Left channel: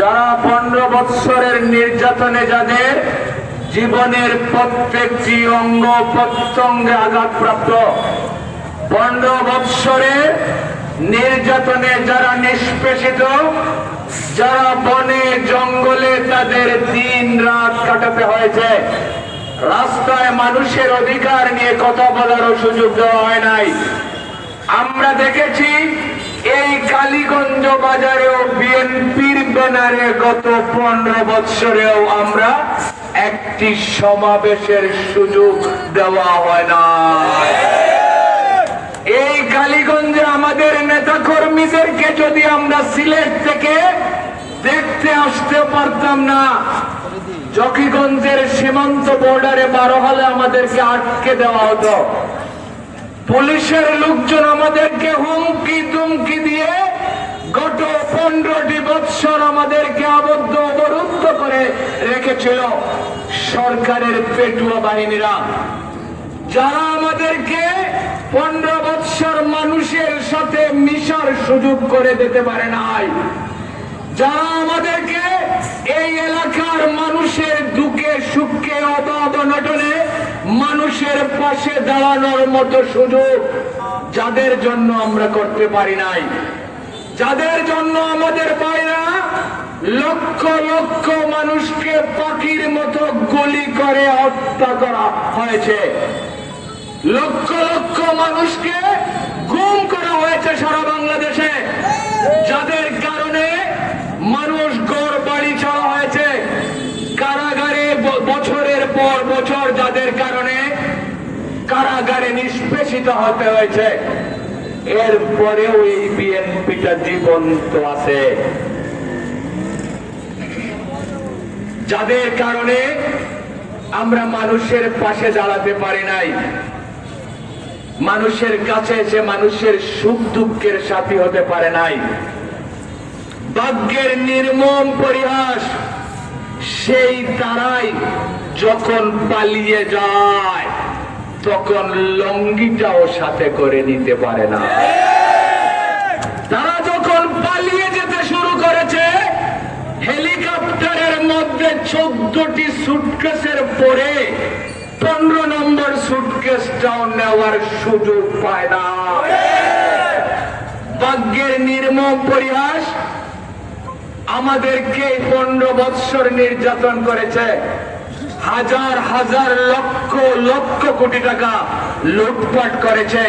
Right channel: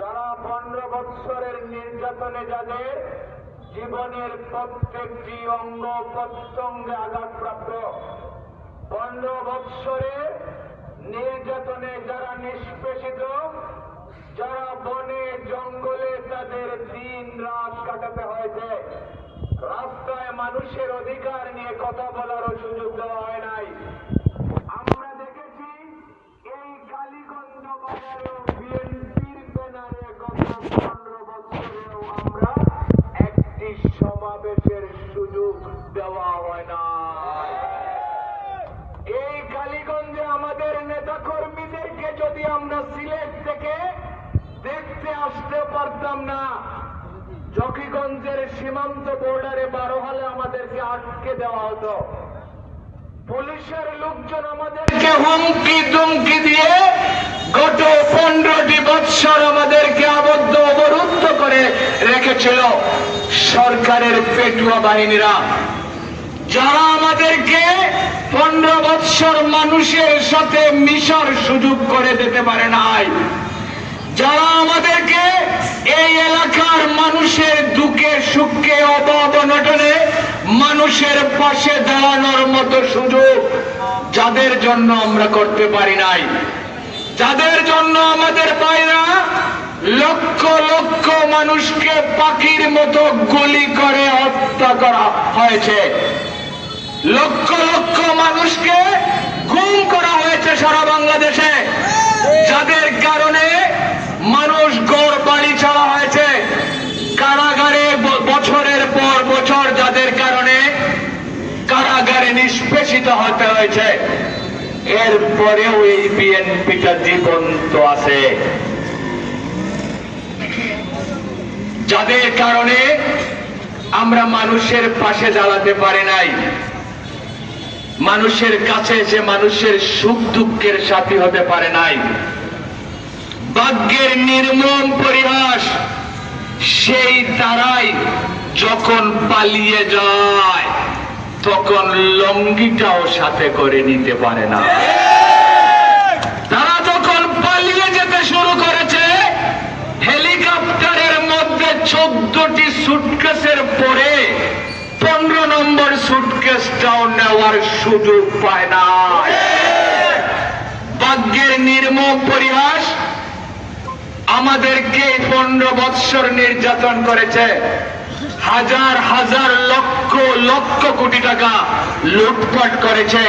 যারা পনেরো বৎসরের নির্যাতনে যাদের জীবনের প্রত্যেকটি অঙ্গ প্রত্যঙ্গে আঘাতপ্রাপ্ত, পনেরো বৎসরের নির্যাতনে যারা নিষ্পেষিত, যারা বনে, জঙ্গলে তাদের দিন রাত কাটাতে হয়েছে। রাস্তায় মানুষের অধিকার নিয়ে কথা বলারও সুযোগ দেওয়া হয় নাই। আমরা দেখেছি এই কালীগঞ্জ বাজারেও বিএনপির ব্যানারে গত পনেরো বৎসরেও আমরা একটি সমাবেশের সুযোগ দেওয়া হয় না। এই কালীগঞ্জে আমাদের নেতা কর্মীদেরকে যদি আমরা সিলেট থেকে দেখতে আসতে পারতাম না, জকিগঞ্জের সীমান্ত বর্ডারে বারো হলে আমাদেরকে আটকে দেওয়া হতো। পুলিশের লোকজন আমাদেরকে হুমকি তুমকি দিয়ে রেখেছিল সরকারের পেটুয়া বাহিনীরা, যারা আমাদেরকে পনেরো বৎসর মানুষের সাথে মিশার সুযোগ করে দিতে পারে নাই, যারা আমাদেরকে এই এলাকার মানুষের দুঃখে, সুখে, অভাব অনটনে মানুষের পাশে দাঁড়ানোর মতো সুযোগ যাদের জন্য আমরা করতে পারি নাই। যাদের জন্য আমাদের ভাইরা লক্ষ লক্ষ মানুষকে পাখির মতো গুলি করে হত্যা করা হয়েছে। লক্ষ লক্ষ মানুষকে গুম করা হয়েছে সারা বাংলাদেশে। যাদের কারণে মানুষ গড় বাড়ি ছাড়া হয়েছে। কারাগারে বছরের পর বছর যাদের কারণে কারাগারে নিষ্পেষিত হতে হয়েছে। এরপরেও এই বিএনপিটা জীবন্ত আছে। যাদের কারণে আমরা মানুষের পাশে দাঁড়াতে পারি নাই, মানুষের কাছে এসে মানুষের সুখ দুঃখের সাথী হতে পারে নাই। ভাগ্যের নির্মম পরিহাস, সেই তারাই যখন পালিয়ে যায়, তখন লঙ্গিটাও সাথে করে নিতে পারে না তারা যখন পালিয়ে যেতে শুরু করেছে হেলিকপ্টারের মধ্যে চোদ্দটি সুটকেসের পরে পনেরো নম্বর সুটকেসটাও নেওয়ার সুযোগ পায় না। ভাগ্যের নির্মম পরিহাস আমাদেরকে পনেরো বৎসর নির্যাতন করেছে। হাজার হাজার লক্ষ লক্ষ কোটি টাকা লুটপাট করেছে।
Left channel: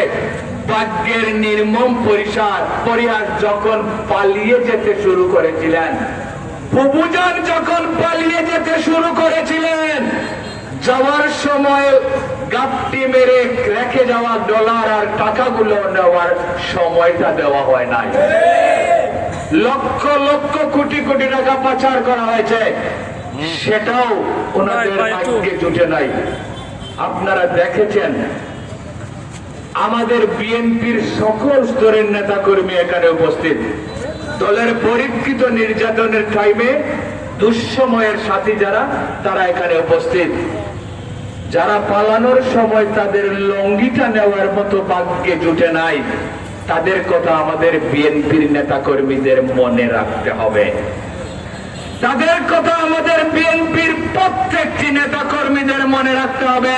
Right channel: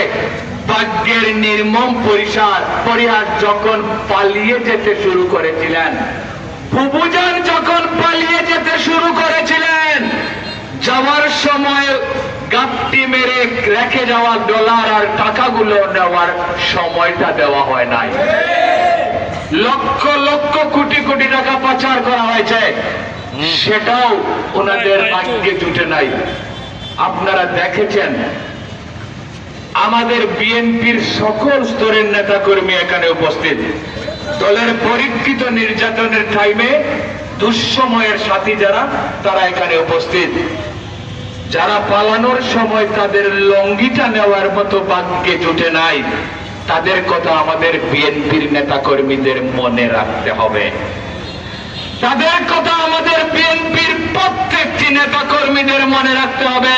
ভাগ্যের নির্মম পরিসার পরিহার যখন পালিয়ে যেতে শুরু করেছিলেন বুবুজান যখন পালিয়ে যেতে শুরু করেছিলেন যাওয়ার সময় গাপটি মেরে রেখে যাওয়া ডলার আর টাকাগুলো নেওয়ার সময়টা দেওয়া হয় নাই। লক্ষ লক্ষ কোটি কোটি টাকা পাচার করা হয়েছে। সেটাও ওনাদের ভাগ্যে জুটে নাই। আপনারা দেখেছেন আমাদের বিএনপির সকল স্তরের নেতা কর্মী এখানে উপস্থিত। দলের পরীক্ষিত নির্যাতনের টাইমে দুঃসময়ের সাথী যারা, তারা এখানে উপস্থিত। যারা পালানোর সময় তাদের লঙ্গিটা নেওয়ার মতো ভাগ্যে জুটে নাই, তাদের কথা আমাদের বিএনপির নেতা কর্মীদের মনে রাখতে হবে। তাদের কথা আমাদের বিএনপির প্রত্যেকটি নেতা কর্মীদের মনে রাখতে হবে।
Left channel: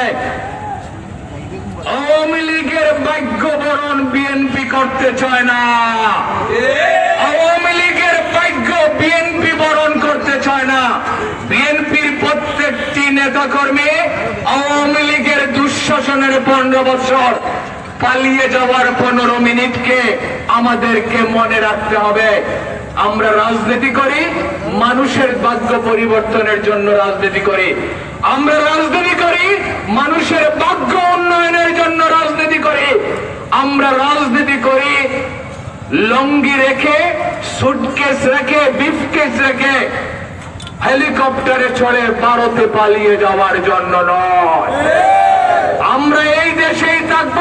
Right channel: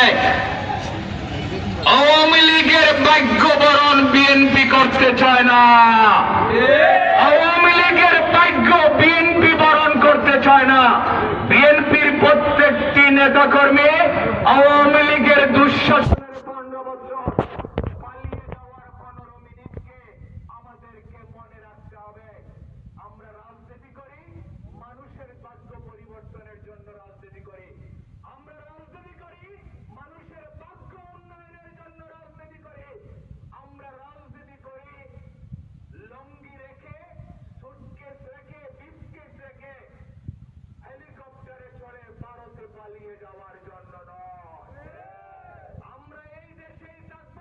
আওয়ামী লীগের ভাগ্য বরণ বিএনপি করতে চায় না আওয়ামী লীগের ভাগ্য বিএনপি বরণ করতে চায় না বিএনপির প্রত্যেকটি নেতা কর্মী আওয়ামী লীগের দুঃশাসনের পনেরো বছর পালিয়ে যাওয়ার পনেরো মিনিটকে আমাদেরকে মনে রাখতে হবে। আমরা রাজনীতি করি, মানুষের ভাগ্য পরিবর্তনের জন্য রাজনীতি করি। আমরা রাজনীতি করি, মানুষের ভাগ্য উন্নয়নের জন্য রাজনীতি করি। আমরা রাজনীতি করি, লঙ্গি রেখে সুটকেস রেখে বিফকেস রেখে হেলিকপ্টারে চড়ে ভারতে পালিয়ে যাওয়ার জন্য নয়। আমরা এই দেশেই থাকব,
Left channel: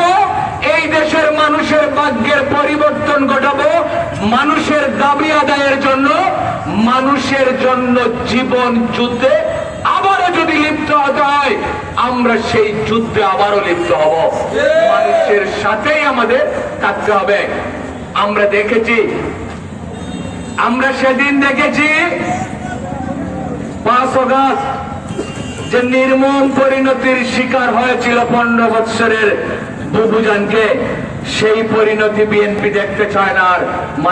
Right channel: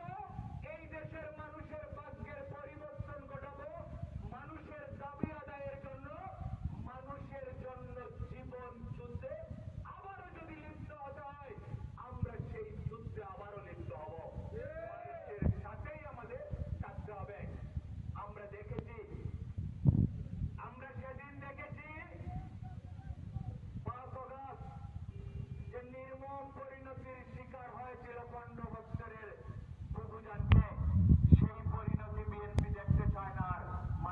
এই দেশের মানুষের ভাগ্যের পরিবর্তন ঘটাবো, মানুষের দাবি আদায়ের জন্য, মানুষের জন্য জীবন যুদ্ধে আবারও যদি লিপ্ত হতে হয়, আমরা সেই যুদ্ধে আবারও লিপ্ত হব। মানুষের সাথেই আমাদের থাকতে হবে। আমরা দেখেছি, আমরা সেদিন দেখেছি পাঁচ অগাস্ট যে নির্মম পরিণতির শিকার হয়েছিল পনেরো বৎসরের বুবুজানকে, সেই পরিণতি বিএনপি দেখতে চায় না আর